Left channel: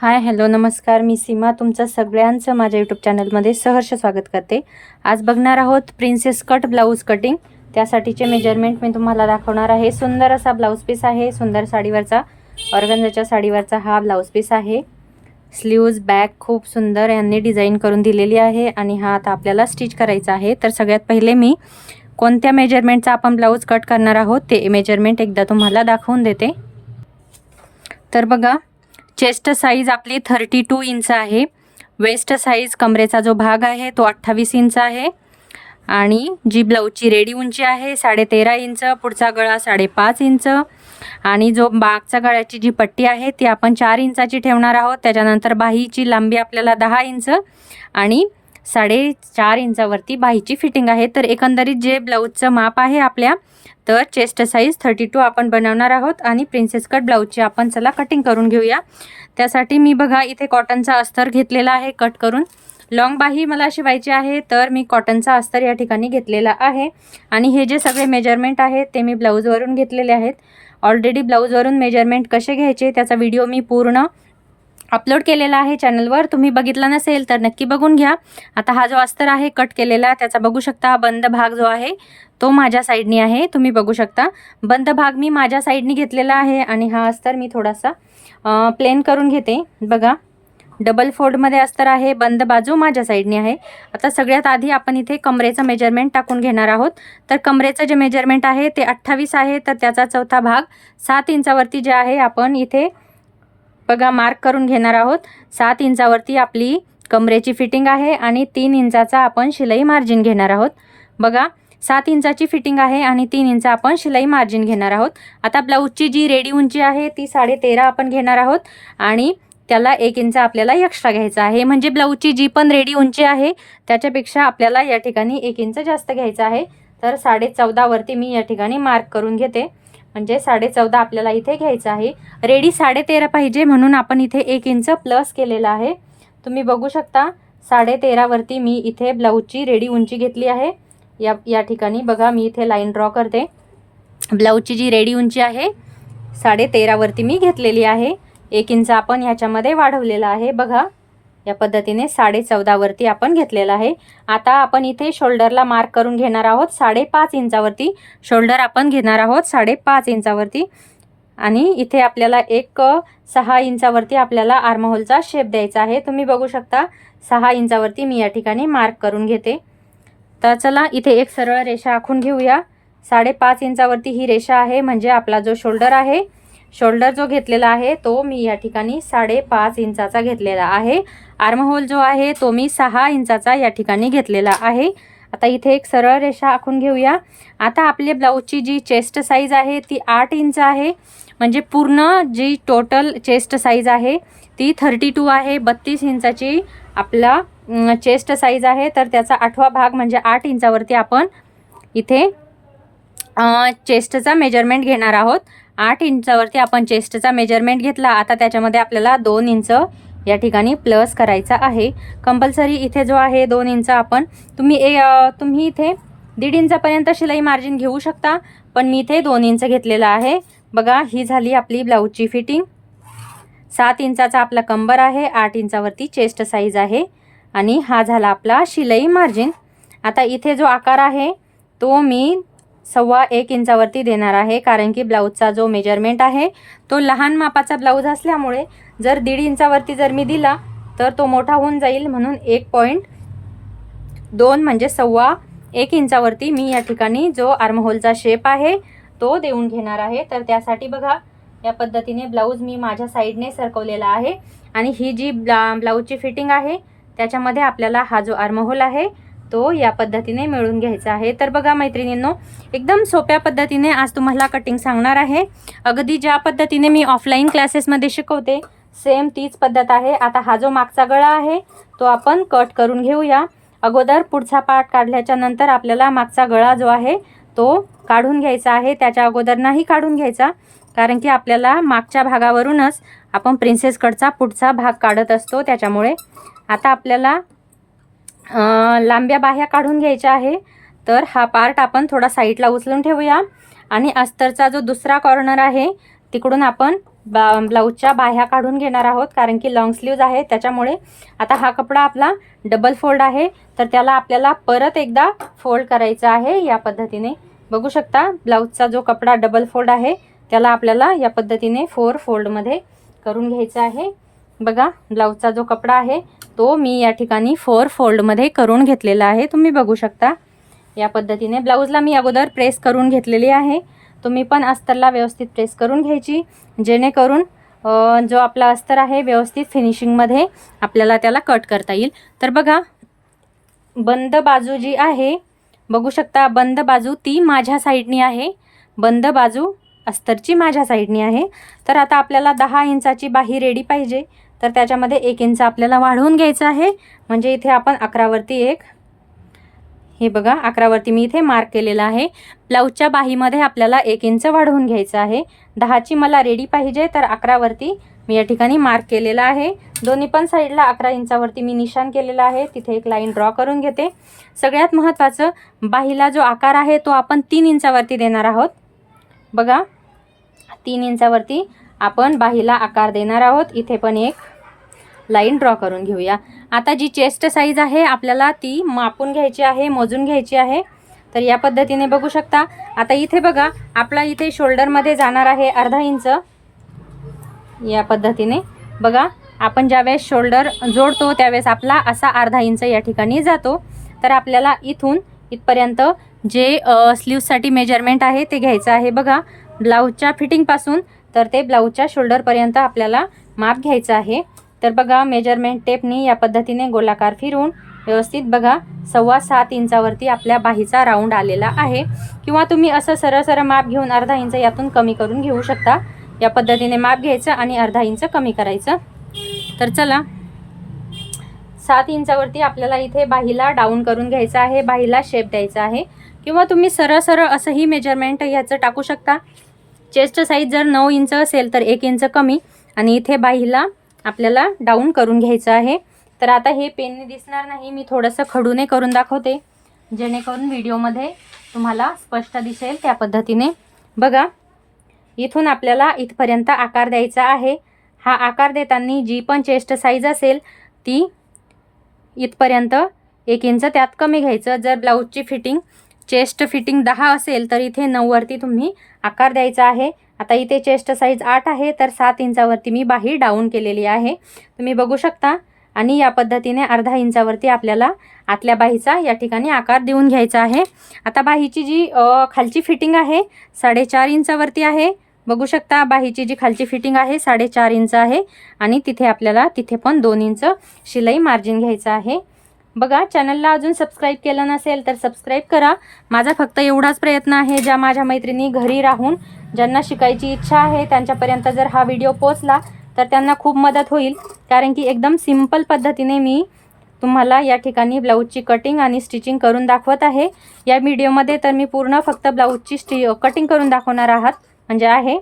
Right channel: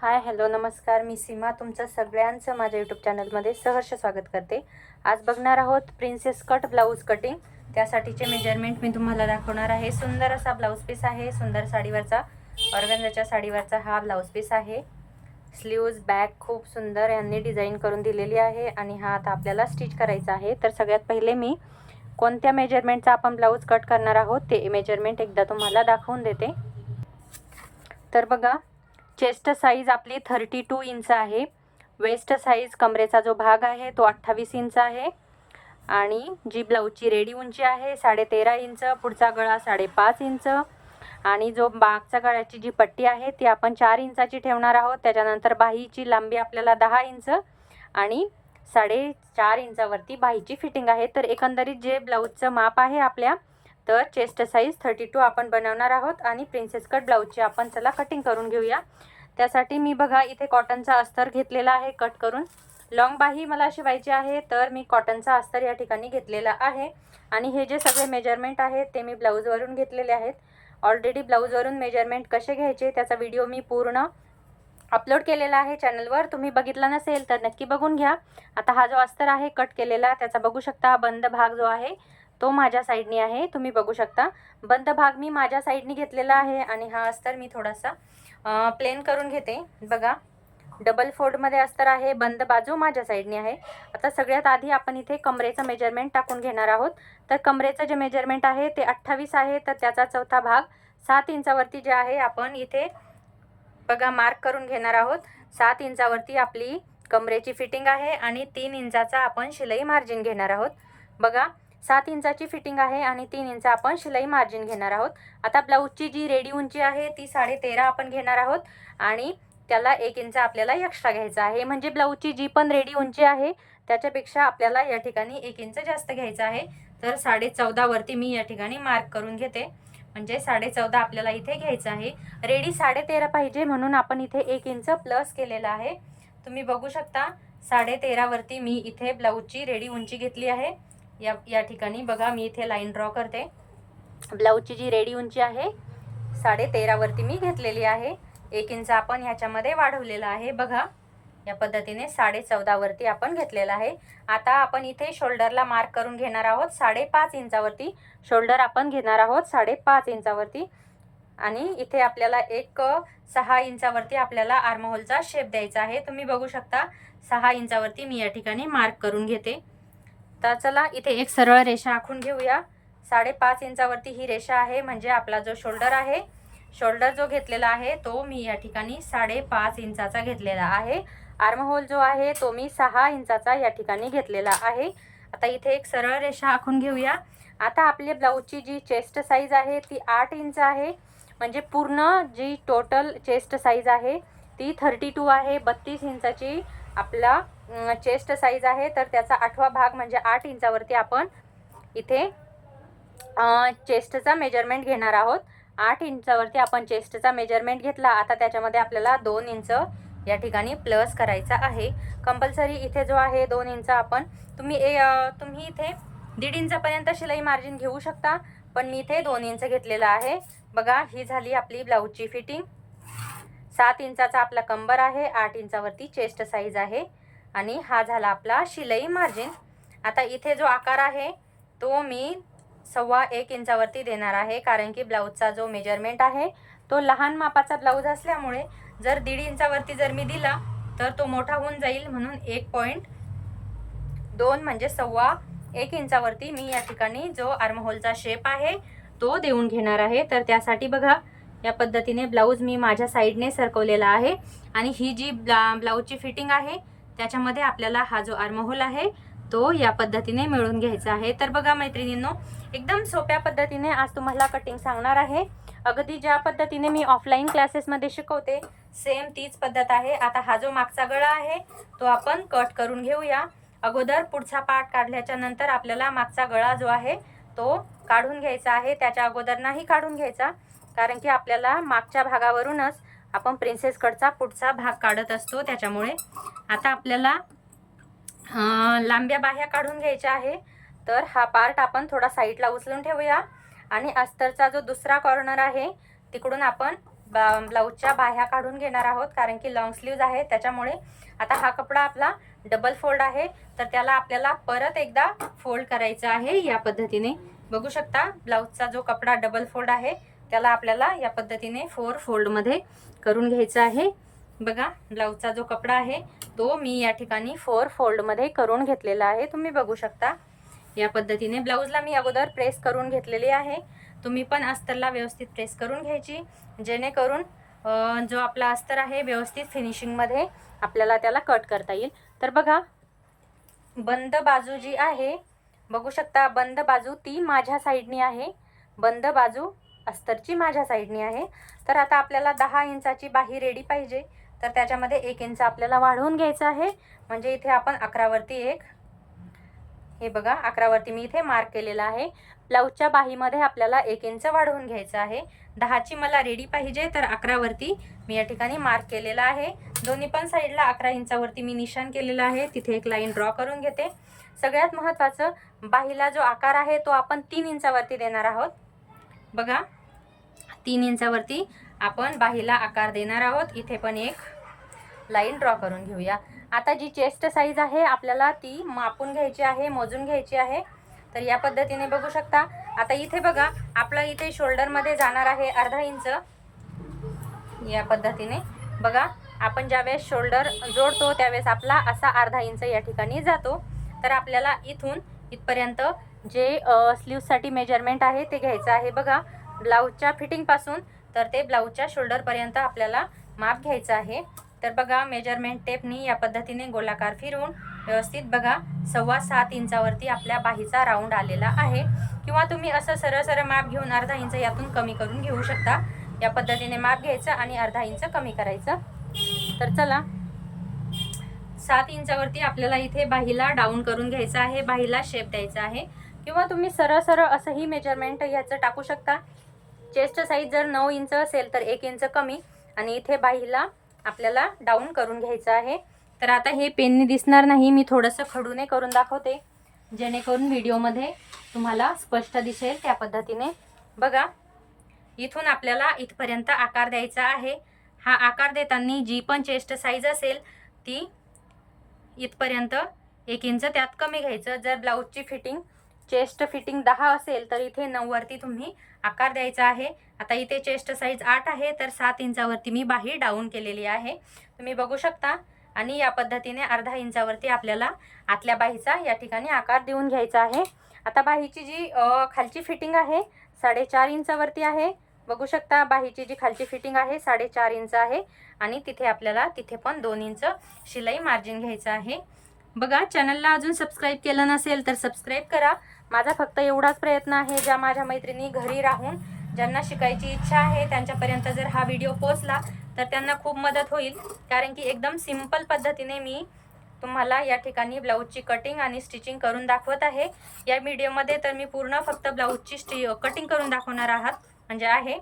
Hi hello नमस्कार, मी सीमा तुमचं सगळ्यांचं माझ्या यूट्यूब चॅनलमध्ये सहर्ष स्वागत करते। आज बघणार आहोत प्रिन्सेस कट ब्लाऊज कटिंग। त्यासाठीचे मेजरमेंट मी तुम्हाला दाखवणार आहे। सुंदर असा ब्लाऊज पीस आहे, सुंदर साडीवरचा ऑर्गन्झाच्या साडीवरचा हा ब्लाऊज पीस आहे। स्लीव्ज बॅक खूप सुंदर यांनी डिझाइन करून दिलेली आहे आणि हा आता आपल्याला स्टिच करायचा आहे। तर सगळ्यात पहिले मी कोणत्या मेजरमेंटचा आपण ब्लाऊज कट करणार आहोत ते मेजरमेंट एकदा तुम्हाला दाखवून देते। तर बघा, चेस्ट साइज आपली 32 इंच आहे। वेस्ट साइज कमरेचा जो भाग आहे तो 28 इंच आहे आणि जी ब्लाऊजची रेडी उंची आहे 13.5 इंच, पुढचा गळा 5.5 इंच आणि जो मागचा गळ्याची जी पट्टी आहे ती आपण 4 इंचाची ठेवणार आहोत। त्याच्यानंतर बाहीची लांबी आपल्याला 10 इंच आणि 4.5 इंचावरती बाहीची फिटिंग आहे। तर एकंदरीत जे ब्लाऊजचं माप आहे आपल्या, तर चेस्ट साइज 32 आपण बनवणार आहोत आणि प्रिन्सेस कट ब्लाऊजची आपण चला कटिंग करून घेऊया। त्यासाठी मी बघा इथे कॉटनचा अस्तर घेतलेला आहे कट करून। लॉंग बाही मला शिवायची आहे, तर मी कॉटनचा अस्तर या ठिकाणी घेतलेला आहे आणि हे जे सगळे मेजरमेंट आहेत ते मी ब्लाऊजवरून घेतलेले आहेत। ऑलरेडी ब्लाऊजवरून मेजरमेंट कसे घ्यायचे त्याचा व्हिडिओ मी पूर्ण अपलोड केलेला आहे चॅनलवर, तुम्ही बघितला नसेल तर नक्की बघून घ्या। आता हा जो अस्तर आहे कट केलेला त्याचा बघू शकता, बंद भाग जो आहे तो माझ्या साइडनी आहे, तुम्ही बघू शकता। बंद भाग मी माझ्या साइडनी घेतलेला आहे आणि हा अस्तर मी थोडासा प्लेन करून घेते। बघा, डबल फोल्ड मध्ये अस्तर आहे, बंद बाजू माझ्या साइडनी आहे। आता सगळ्यात आधी आपण इथे कमरेचं मेजरमेंट टाकून घेणार आहोत। तर कमरेचं जे मेजरमेंट आहे ते 28 आहे, तर त्याचा चौथा भाग 7 इंचावरती जे आहे आपण इथे बघा मार्क करून घेणार आहोत। 7 इंचावरती आपली कमरेची फिटिंग आहे आणि 3 इंचाचा आपण शिलाई मार्जिन घेणार आहोत। बघा, 7 इंचाची फिटिंग आहे आणि 3 इंच आपण शिलाई मार्जिन घेणार आहोत। आता ब्लाऊजची जी रेडी उंची आहे ती 13.5 आपण घेणार आहोत आणि त्याला 1 इंच आपल्याला एक्स्ट्रा घ्यायचा आहे। म्हणजे ब्लाऊजची जी पण रेडी उंची आहे त्याच्यापेक्षा आपल्याला या ठिकाणी 1 इंच जास्त घ्यायचा आहे। तर 14.5 वरती मी या ठिकाणी मार्क करून घेते, म्हणजे 14.5 आपल्याला इथे घ्यायचं आहे। रेडी 13.5 पाहिजे म्हणून आपण इथे 1 इंच प्लस केलेला आहे। तुम्ही बघू शकता 13.5 वरती मी इथे ब्लाऊजची रेडी उंची घेतली आहे। या ठिकाणी बघा मी इथे लाईन ड्रॉ करते। ब्लाऊजची जी रेडी उंची आहे 13.5 वरती मी घेतलेली आहे। 1 इंच आपण याच्यामध्ये वाढवलेला आहे। बघा, या पद्धतीने 14.5 वरती आपण घेतलेला आहे। आता आपण इथे शोल्डरला मार्क करून घेणार आहोत 5.5 इंचावरती। शोल्डर आपण घेणार आहोत 5.5 इंचावरती आणि इथे आपल्याला 6 इंचावरती आपल्याला आर्महोलचा शेप द्यायचा आहे। तुम्ही बघू शकता 6 इंचावरती मी या ठिकाणी मार्क करून घेते। तर चला इथे एक सरळ रेषा आखून घेऊया। 5.5 इंचावरती ही रेषा आहे, म्हणजे आपला जो शोल्डर आहे, शोल्डर जो घेतलेला आहे तो मी या ठिकाणी 5.5 इंचाचा घेतलेला आहे। आर्महोल जो आहे तो मी 6 इंचाचा या ठिकाणी घेतलेला आहे। आता इथे एक सरळ रेषा आखून घेऊया। आता आपल्या ब्लाऊजची जी चेस्ट साइज आहे ती 8 इंच आहे, म्हणजे पूर्ण जी टोटल चेस्ट साइज आहे ती 32 आहे। 32 इंचाची आपला चेस्ट साइज आहे, तर त्याचा 8वा भाग म्हणजे 8 इंचावरती आपण इथे चेस्टचा मेजरमेंट घेणार आहोत। 8 इंचावरती आपण चेस्टचा मेजरमेंट घेतला। आता त्याच्यामध्ये आपल्याला 2 इंच या ठिकाणी प्लस करायचा आहे कंपल्सरी। इथे जो आहे 2 इंच आपण तुम्ही इथे 1.5 इंचापर्यंत शिलाई मार्जिन घेऊ शकता, पण मी इथे 2 इंच घेतलेला आहे। बघा, ही झाली आपली ब्लाऊजची फिटिंग। 7 इंचाचा आपला कंबर आहे, 8 इंचावरती चेस्ट साइज आहे आणि हा झाला आपला शिलाई मार्जिन। आता इथे जो आकार आहे तो मी 1.25 इंचावरती देणार आहे, कारण की ब्लाऊजचा जो मेजरमेंट आहे तो लहान मापाचा ब्लाऊज असल्यामुळे जर 1.5 इंचावरती जर मी दिला तर तो मोठा होऊन जाईल, म्हणून 1.2 म्हणजे 1.25 इंचावरती मी या ठिकाणी जो आर्महोलचा शेप आहे तो देऊन घेणार आहे। तर त्यासाठी बघा या पद्धतीने ब्लाऊज मी माझ्या साइडने सरकवलेला आहे आणि ही जी ब्लाऊजची फिटिंग आहे त्याच्यामध्ये आपल्याला हा जो आर्महोल आहे तो या पद्धतीने मिळून घ्यायचा आहे। तर बघा मैत्रिणींनो, एकदम सोप्या पद्धतीने आज तुम्हाला कटिंग सांगणार आहे। अगदी ज्या पद्धतीने मी ऑफलाईन क्लासेसमध्ये शिकवते सेम तीच पद्धत आहे। आता हा जो मागचा गळा आहे तो आपण कट करून घेऊया। अगोदर पुढचा पार्ट काढल्याच्या नंतर आपल्याला मागचा गळा जो आहे तो काढून घ्यायचा आहे, त्याच्या अगोदर नाही काढून घ्यायचा, कारण की आपल्याला मागच्या भागावरूनच आपण प्रिन्सेस कटचा पुढचा भाग काढत असतो। त्याच्यामुळे आता आपल्याला लांब्या बाह्या काढून घ्यायच्या आहे। तर हा पार्ट आपण थोडा साईडला उचलून ठेवूया आणि अस्तरचा जो दुसरा कॉर्नर आहे तिकडून आपण ब्लाऊजच्या बाह्या काढून घेणार आहोत, कारण की लॉंग स्लीव्ज आहे त्याच्यामुळे. आता हा कपडा आपला डबल फोल्ड आहे, तर त्याला आपल्याला परत एकदा फोल्ड करायचा आहे. या पद्धतीने बघू शकता, ब्लाऊजचा जो कपडा डबल फोल्ड आहे त्याला आपल्याला या पद्धतीने 4 फोल्डमध्ये करून घ्यायचा आहे. बघा, ब्लाऊजचा जो कपडा आहे तो मी या ठिकाणी 4 फोल्डमध्ये करून घेतलेला आहे. तुम्ही बघू शकता या पद्धतीने. ब्लाऊजला मी अगोदर प्रेस करून घेतलेली आहे. तुम्ही पण अस्तरला व्यवस्थित प्रेस करून घ्यायची, जेणेकरून जो आपला अस्तर आहे व्यवस्थित फिनिशिंगमध्ये आपल्याला त्याला कट करता येईल. तर बघा, बंद बाजू जी आहे बघू शकता, बंद बाजू ती माझ्या साईडनी आहे, बंद बाजू अस्तरची माझ्या साईडनी आहे. तर आता आपल्याला 10 इंचाची बाही रेडी पाहिजे, तर त्याच्यामध्ये 1 इंच आपल्याला वाढवून घ्यायचं आहे. म्हणजे इथे आपण 11 वरती 1, हे बघा 11 वरती मी इथे मार्क केलेला आहे. ब्लाऊजच्या बाहीमध्ये आपल्याला 1 इंच वाढवून घ्यायचं आहे. 10ची मला रेडी पाहिजे, तर 11 वरती मी या ठिकाणी मार्क केलेला आहे. दोन्ही पण साईडला 11 इंचावरती मी निशाण केलेला आहे. तिथे एक लाईन ड्रॉ करून घेते. सगळ्यात महत्त्वाचं, बाहीला जो आकार आहे तो आपण 3 इंचावरती देणार आहोत. बघा, 3 इंचावरती आपण बाहीला आकार देणार आहोत. इथे पण एक लाईन ड्रॉ करून घेऊया. आता जी चेस्ट साईज आहे आपल्याला ती मापून घ्यायची आहे, मोजून घ्यायची आहे. तर या पद्धतीने बघू शकता. आता इथे बघा, आपला इथे शोल्डरमध्ये जाणार आहे अर्धा इंच. या पद्धतीने बघा, आपण ज्यावेळेस शोल्डर जोडतो त्यावेळेस आपला असा अर्धा इंच या ठिकाणी जातो. तर आपल्याला इथून इथपर्यंत जे स्लीव्ससाठी मेजरमेंट आहे ते घ्यायचं आहे. बघा, ब्लाऊजच्या फिटिंगपासून तर ते ब्लाऊजच्या शोल्डरपर्यंत आपल्याला माप घ्यायचं आहे. तर बघा, मेजरमेंट टेपनी या पद्धतीने गोलाकार फिरवून व्यवस्थित बघा 6.25 इंचावरती आपल्या बाहीचा राऊंड आलेला आहे. किंवा तुम्ही असं सरळ सरळ माप घेऊन अर्धा इंच यातून कमी करून घेऊ शकता. या पद्धतीने माप घ्यायचं आणि अर्धा इंच कमी करायचं. तर चला, 7 इंचावरती आपल्याला इथे बाहीला डाऊन करून घ्यायचं आहे, बाहीला शेप द्यायचा आहे. किंवा तुम्ही सरळ सरळ असंही मेजरमेंट ह्याचं टाकू शकता. चेस्ट साईज जर 9 इंच असेल तर 1 इंच कमी, आणि इथे बाहीला आपल्याला डाऊन करून घ्यायचं आहे. तर आता हे पेननी दिसणार नाही, मी थोडंसं खडूने करून दाखवते, जेणेकरून व्हिडिओमध्ये तुम्हाला स्पष्ट दिसेल. त्या पद्धतीने बघा, इथून आपल्याला इथपर्यंत आकार द्यायचा आहे. हा आकार देताना जी पण चेस्ट साईज असेल ती इथपर्यंत 1 इंच त्यात कमी घ्यायचं. जर ब्लाऊजची फिटिंग चेस्ट फिटिंग 10 असेल तर इथे 9 वरती तुम्ही आकार द्यायचा आहे. आता इथे चेस्ट साईज 8 आहे, तर 7 इंचावरती मी बाही डाऊन केलेली आहे, तुम्ही बघू शकता. आणि या पद्धतीने अर्धा इंचावरती आपल्याला आतल्या बाहीचा या ठिकाणी आकार देऊन घ्यायचा आहे. आता बाहीची जी खालची फिटिंग आहे 4.5 इंचावरती आहे. बघू शकता, बाहीची जी खालची फिटिंग आहे 4.5 इंच आहे, आणि तिथे आपल्याला तिथे पण 2 इंच शिलाई मार्जिन घ्यायचं आहे. बघा, चॅनलला अजून सबस्क्राईब केलं नसेल तर सबस्क्राईब करा. माझा फक्त एवढाच प्रयत्न आहे, ज्या माझ्या मैत्रिणी घरी राहून ज्यांना शिकायची इच्छा आहे त्यांच्यापर्यंत जर हा व्हिडिओ पोहोचला तर त्यांना खूप मदत होईल. कारण की एकदम सिंपल पद्धतीने मी तुम्हाला या ठिकाणी ब्लाऊजची कटिंग आणि स्टिचिंग करून दाखवत आहे. या व्हिडिओमध्ये तर मी पूर्ण फक्त ब्लाऊजची कटिंग करून दाखवणार आहात म्हणजे आहे,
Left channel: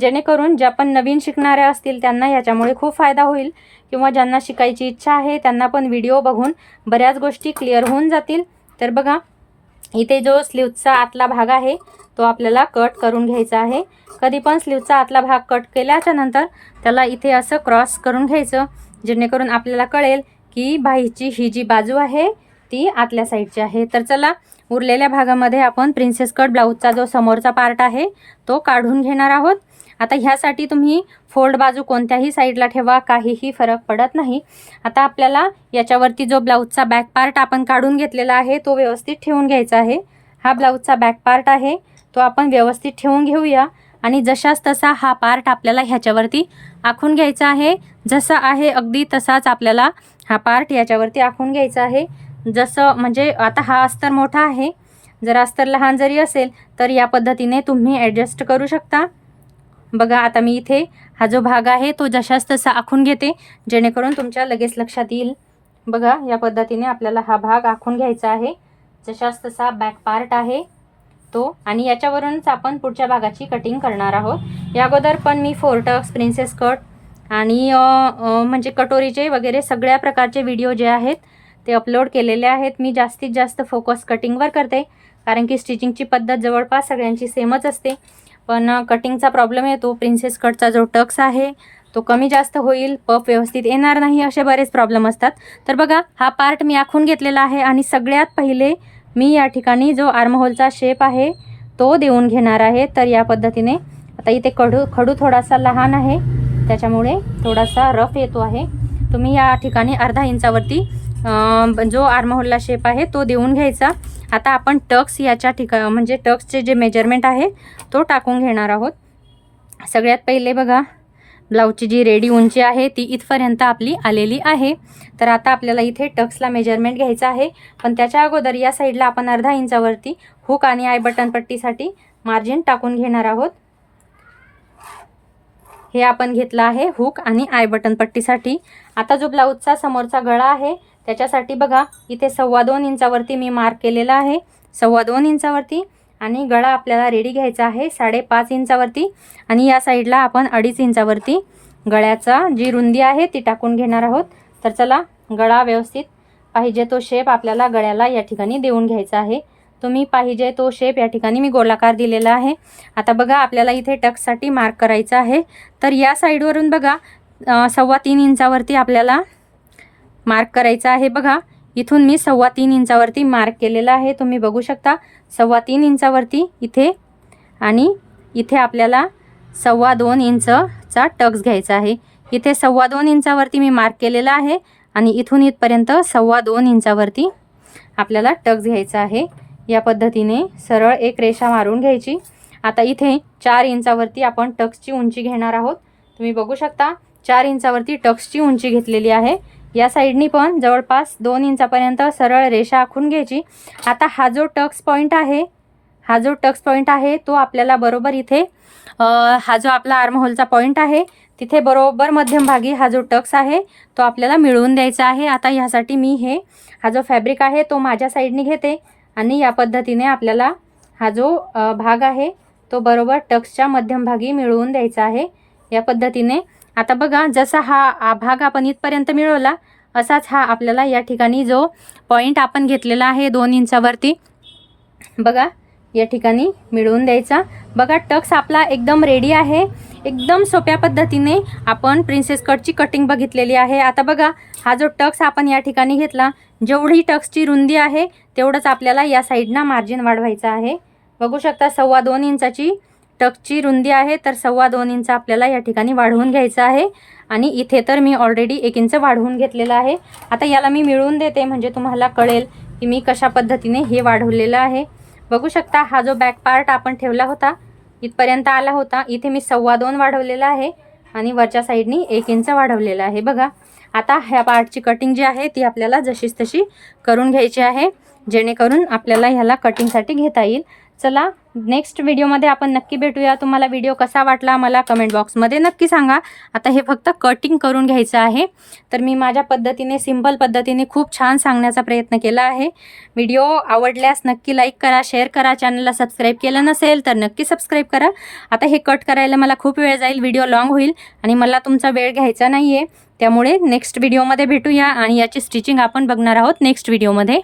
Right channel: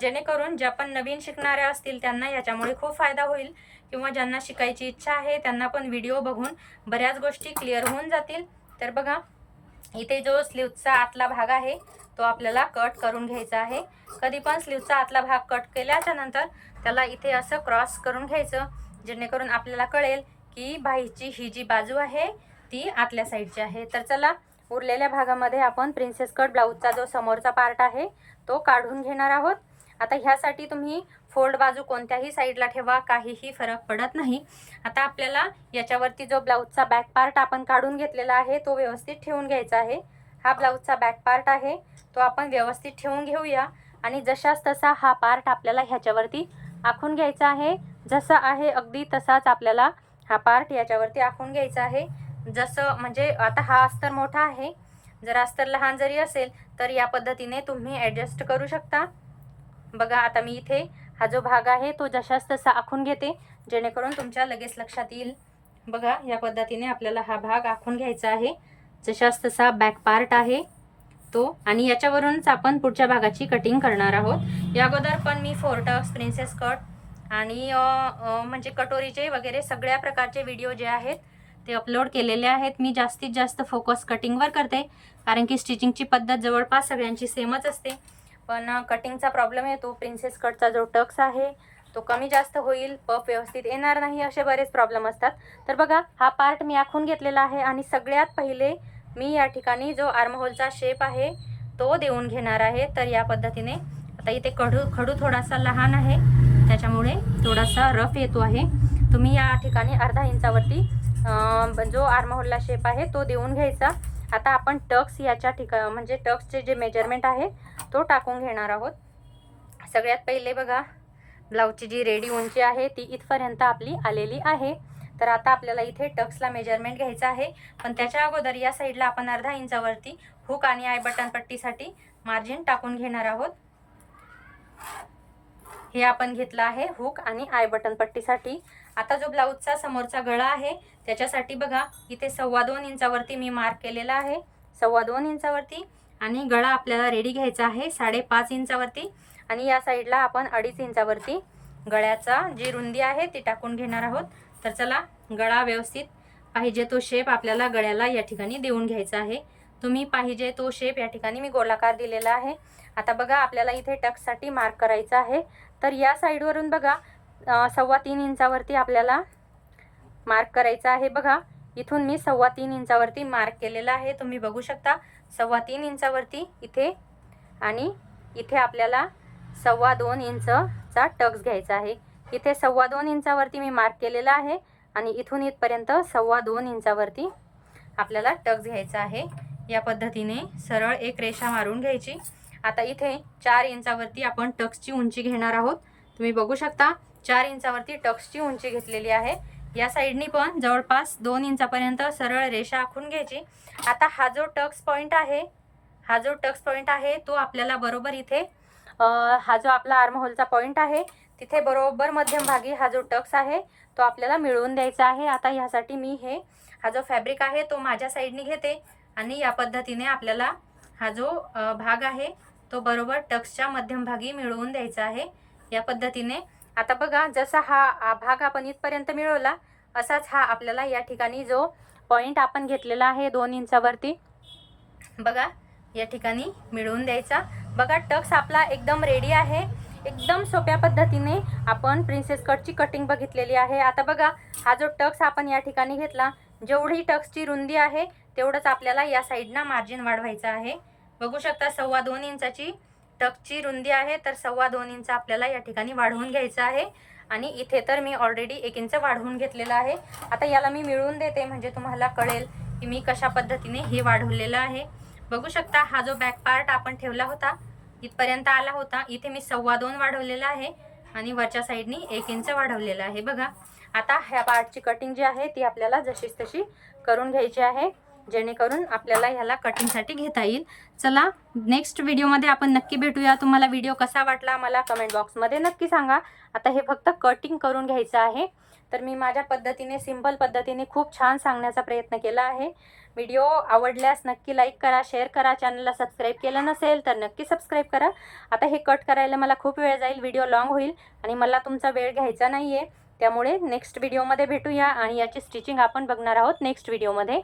जेणेकरून ज्या पण नवीन शिकणाऱ्या असतील त्यांना याच्यामुळे खूप फायदा होईल. किंवा ज्यांना शिकायची इच्छा आहे त्यांना पण व्हिडिओ बघून बऱ्याच गोष्टी क्लिअर होऊन जातील. तर बघा, इथे जो स्लीवचा आतला भाग आहे तो आपल्याला कट करून घ्यायचा आहे. कधी पण स्लीवचा आतला भाग कट केल्याच्या नंतर त्याला इथे असं क्रॉस करून घ्यायचं, जेणेकरून आपल्याला कळेल की बाहीची ही जी बाजू आहे ती आतल्या साईडची आहे. तर चला, उरलेल्या भागामध्ये आपण प्रिन्सेस कट ब्लाऊजचा जो समोरचा पार्ट आहे तो काढून घेणार आहोत. आता ह्यासाठी तुम्ही फोल्ड बाजू कोणत्याही साईडला ठेवा, काहीही फरक पडत नाही. आता आपल्याला याच्यावरती जो ब्लाऊजचा बॅक पार्ट आपण काढून घेतलेला आहे तो व्यवस्थित ठेवून घ्यायचा आहे. हा ब्लाऊजचा बॅक पार्ट आहे तो आपण व्यवस्थित ठेवून घेऊया. आणि जशाच तसा हा पार्ट आपल्याला ह्याच्यावरती आखून घ्यायचा आहे. जसा आहे अगदी तसाच आपल्याला हा पार्ट याच्यावरती आखून घ्यायचा आहे. जसं म्हणजे आता हा अस्तर मोठा आहे, जर अस्तर लहान जरी असेल तर या पद्धतीने तुम्ही ॲडजस्ट करू शकता. बघा, आता मी इथे हा जो भाग आहे तो जशाच तसा आखून घेते, जेणेकरून तुमच्या लगेच लक्षात येईल. बघा, या पद्धतीने आपल्याला हा भाग आखून घ्यायचा आहे. जशाच तसा बॅक पार्ट आहे तो, आणि याच्यावरूनच आपण पुढच्या भागाची कटिंग करणार आहोत. या अगोदर पण मी 4 टक्स, प्रिन्सेस कट आणि म्हणजे कटोरीचे वगैरे सगळ्या प्रकारचे व्हिडिओ जे आहेत ते अपलोड केलेले आहेत. मी जास्तीत जास्त फोकस कटिंगवर करते, कारण की स्टिचिंगची पद्धत जवळपास सगळ्यांची सेमच असते. पण कटिंगचा प्रॉब्लेम येतो. प्रिन्सेस कटचा जो टक्स आहे तो कमी जास्त होईल, पफ व्यवस्थित येणार नाही, असे बरेच प्रॉब्लेम असतात. तर बघा हा पार्ट मी आखून घेतलेला आहे आणि सगळ्यात पहिले मी या ठिकाणी जो आर्महोलचा शेप आहे तो देऊन घेणार आहे. तर या पद्धतीने आता इथे खडू थोडासा लहान आहे त्याच्यामुळे थोडासा रफ येतो आहे. तुम्ही या ठिकाणी अर्धा इंचावरती जो आर्महोलला शेप आहे तो देऊन घ्यायचा. आता आपण टक्स याच्या ठिकाणी म्हणजे टक्सचे जे मेजरमेंट आहे तो टाकून घेणार आहोत. सगळ्यात पहिले बघा ब्लाऊजची जी रेडी उंची आहे ती इथपर्यंत आपली आलेली आहे. तर आता आपल्याला इथे टक्सला मेजरमेंट घ्यायचं आहे, पण त्याच्या अगोदर या साईडला आपण अर्धा इंचावरती हुक आणि आय बटन पट्टीसाठी मार्जिन टाकून घेणार आहोत. हे आपण घेतलं आहे हुक आणि आय बटन पट्टीसाठी. आता जो ब्लाऊजचा समोरचा गळा आहे त्याच्यासाठी बघा इथे 2.25 इंचावरती मी मार्क केलेला आहे, 2.25 इंचावरती. आणि गळा आपल्याला रेडी घ्यायचा आहे 5.5 इंचावरती आणि या साईडला आपण 2.5 इंचावरती गळ्याचा जी रुंदी आहे ती टाकून घेणार आहोत. तर चला गळा व्यवस्थित पाहिजे तो शेप आपल्याला गळ्याला या ठिकाणी देऊन घ्यायचा आहे. तुम्ही पाहिजे तो शेप या ठिकाणी मी गोलाकार दिलेला आहे. आता बघा आपल्याला इथे टक्ससाठी मार्क करायचा आहे. तर या साईडवरून बघा 3.25 इंचावरती आपल्याला मार्क करायचा आहे. बघा इथून मी 3.25 इंचावरती मार्क केलेला आहे, तुम्ही बघू शकता 3.25 इंचावरती इथे. आणि इथे आपल्याला 2.25 इंचचा टक्स घ्यायचा आहे. इथे 2.25 इंचावरती मी मार्क केलेला आहे आणि इथून इथपर्यंत 2.25 इंचावरती आपल्याला टक्स घ्यायचा आहे. या पद्धतीने सरळ एक रेषा मारून घ्यायची. आता इथे 4 इंचावरती आपण टक्सची उंची घेणार आहोत. तुम्ही बघू शकता 4 इंचावरती टक्सची उंची घेतलेली आहे. या साईडनी पण जवळपास 2 इंचापर्यंत सरळ रेषा आखून घ्यायची. आता हा जो टक्स पॉईंट आहे तो आपल्याला बरोबर इथे हा जो आपला आर्महोलचा पॉईंट आहे तिथे बरोबर मध्यमभागी हा जो टक्स आहे तो आपल्याला मिळवून द्यायचा आहे. आता ह्यासाठी मी हा जो फॅब्रिक आहे तो माझ्या साईडनी घेते आणि या पद्धतीने आपल्याला हा जो भाग आहे तो बरोबर टक्सच्या मध्यमभागी मिळवून द्यायचा आहे. या पद्धतीने आता बघा जसा हा भाग आपण इथपर्यंत मिळवला असाच हा आपल्याला या ठिकाणी जो पॉईंट आपण घेतलेला आहे 2 इंचावरती बघा या ठिकाणी मिळवून द्यायचा. बघा टक्स आपला एकदम रेडी आहे. एकदम सोप्या पद्धतीने आपण प्रिन्सेस कटची कटिंग बघितलेली आहे. आता बघा हा जो टक्स आपण या ठिकाणी घेतला, जेवढी टक्सची रुंदी आहे तेवढंच आपल्याला या साईडना मार्जिन वाढवायचं आहे. बघू शकता 2.25 इंचाची टक्सची रुंदी आहे, तर 2.25 इंच आपल्याला या ठिकाणी वाढवून घ्यायचं आहे. आणि इथे तर मी ऑलरेडी 1 इंच वाढवून घेतलेलं आहे. आता याला मी मिळवून देते म्हणजे तुम्हाला कळेल की मी कशा पद्धतीने हे वाढवलेलं आहे. बघू शकता हा जो बॅक पार्ट आपण ठेवला होता इथपर्यंत आला होता, इथे मी 2.25 वाढवलेला आहे आणि वरच्या साईडनी 1 इंच वाढवलेला आहे. बघा आता ह्या पार्टची कटिंग जी आहे ती आपल्याला जशीच तशी करून घ्यायची आहे जेणेकरून आपल्याला ह्याला कटिंगसाठी घेता येईल. चला नेक्स्ट व्हिडिओमध्ये आपण नक्की भेटूया. तुम्हाला व्हिडिओ कसा वाटला मला कमेंट बॉक्समध्ये नक्की सांगा. आता हे फक्त कटिंग करून घ्यायचं आहे. तर मी माझ्या पद्धतीने सिंपल पद्धतीने खूप छान सांगण्याचा प्रयत्न केला आहे. व्हिडिओ आवडल्यास नक्की लाईक करा, शेअर करा. चॅनलला सबस्क्राईब केलं नसेल तर नक्की सबस्क्राईब करा. आता हे कट करायला मला खूप वेळ जाईल, व्हिडिओ लॉंग होईल आणि मला तुमचा वेळ घ्यायचा नाही आहे. त्यामुळे नेक्स्ट व्हिडिओमध्ये भेटूया आणि याची स्टिचिंग आपण बघणार आहोत नेक्स्ट व्हिडिओमध्ये.